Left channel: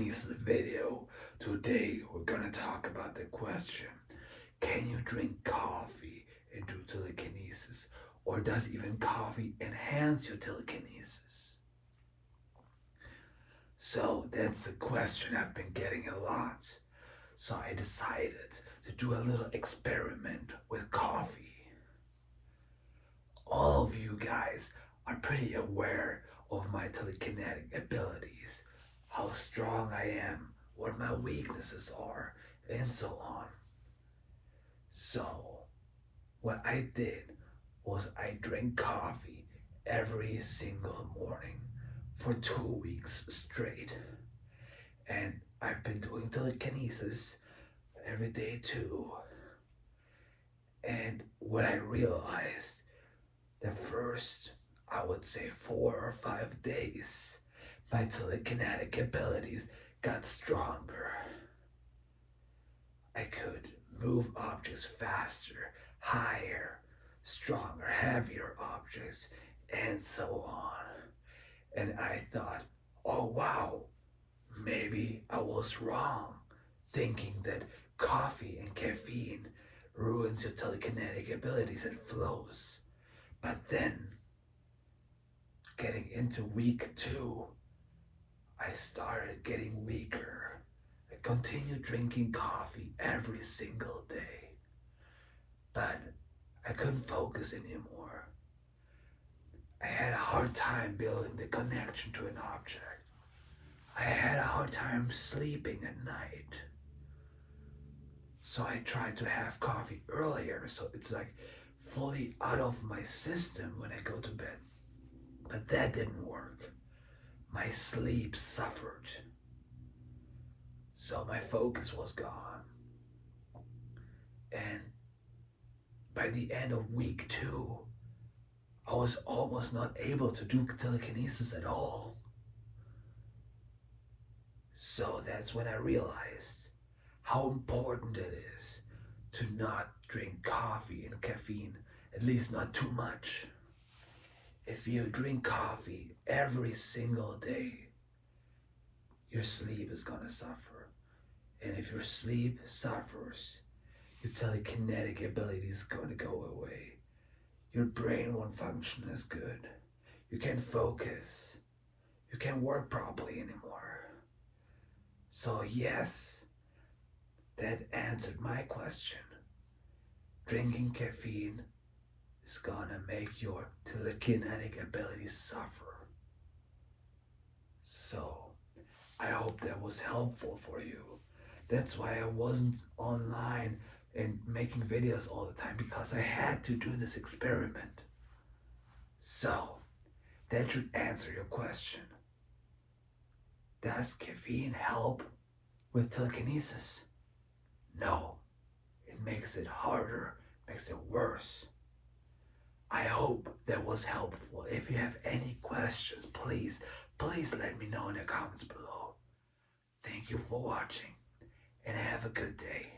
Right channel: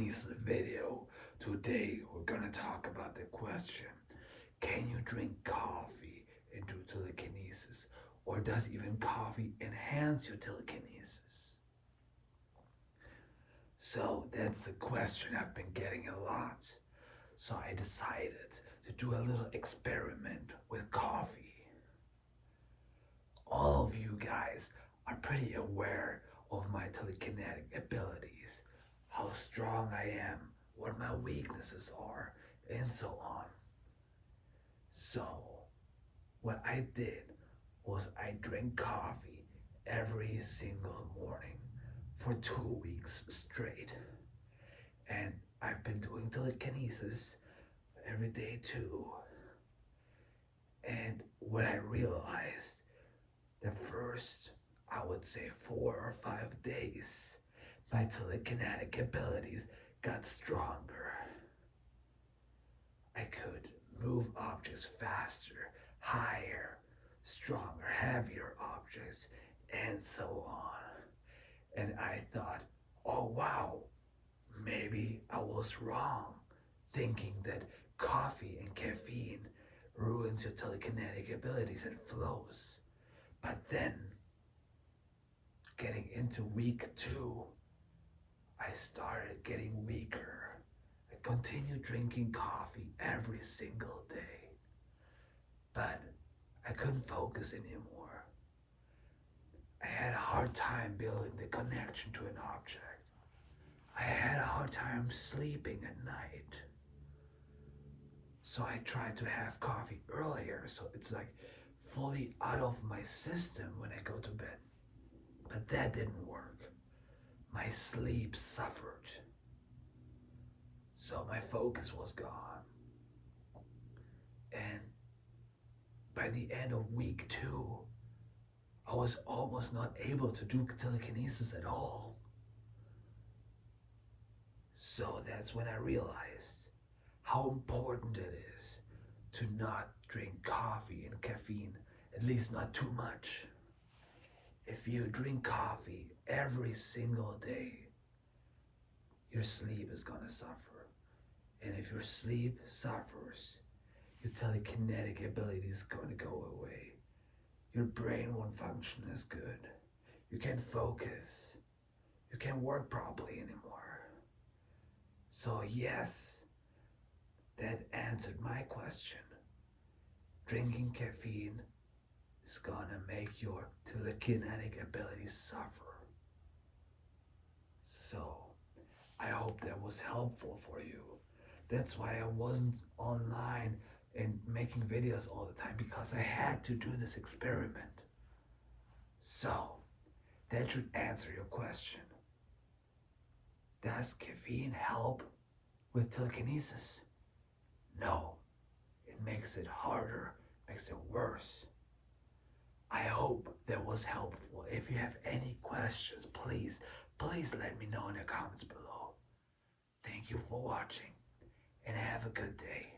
telekinesis video. Today we're gonna talk about the question, can you drink coffee and do telekinesis? Or does even coffee enhance your telekinesis? So that's the question I've been getting a lot. So I decided to do a little experiment with coffee. All of you guys are pretty aware of my telekinetic abilities, how strong I am, what my weaknesses are, and so on. So, what I did was I drank coffee every single morning for 2 weeks straight. And I've been doing telekinesis every day too. And what I realized, the first, I would say 4 or 5 days, my telekinetic abilities got stronger. I could move objects faster, higher, stronger, heavier objects, and so on. And I thought, oh wow, maybe I was wrong, thinking that coffee and caffeine ruins your telekinetic abilities and flows. But then, getting into week 2, I started getting weaker. I continued drinking coffee every single day, but I couldn't focus anymore. I had a hard time building the connection to an object. I had a hard time sleeping at night. So I tried to have coffee earlier, so it's like fully out of my system when I go to bed. But that didn't work. My sleep suffered. So my focus was gone. And by the end of week 2, I was almost not able to do telekinesis at all. So that's when I realized how important it is to not drink coffee and caffeine, at least not too much. If you drink coffee every single day, your sleep is gonna suffer. And if your sleep suffers, your telekinetic ability is gonna go away. Your brain won't function as good. You can't focus. You can't work properly anymore. So yes, that answered my question. Drinking caffeine is gonna make your telekinetic abilities suffer. So, I hope that was helpful for you. That's why I wasn't online and making videos all the time, because I had to do this experiment. So, that should answer your question. Does caffeine help with telekinesis? No. It makes it harder, makes it worse. I hope that was helpful. If you have any questions, please let me know in the comments below. Thank you for watching, and have a good day.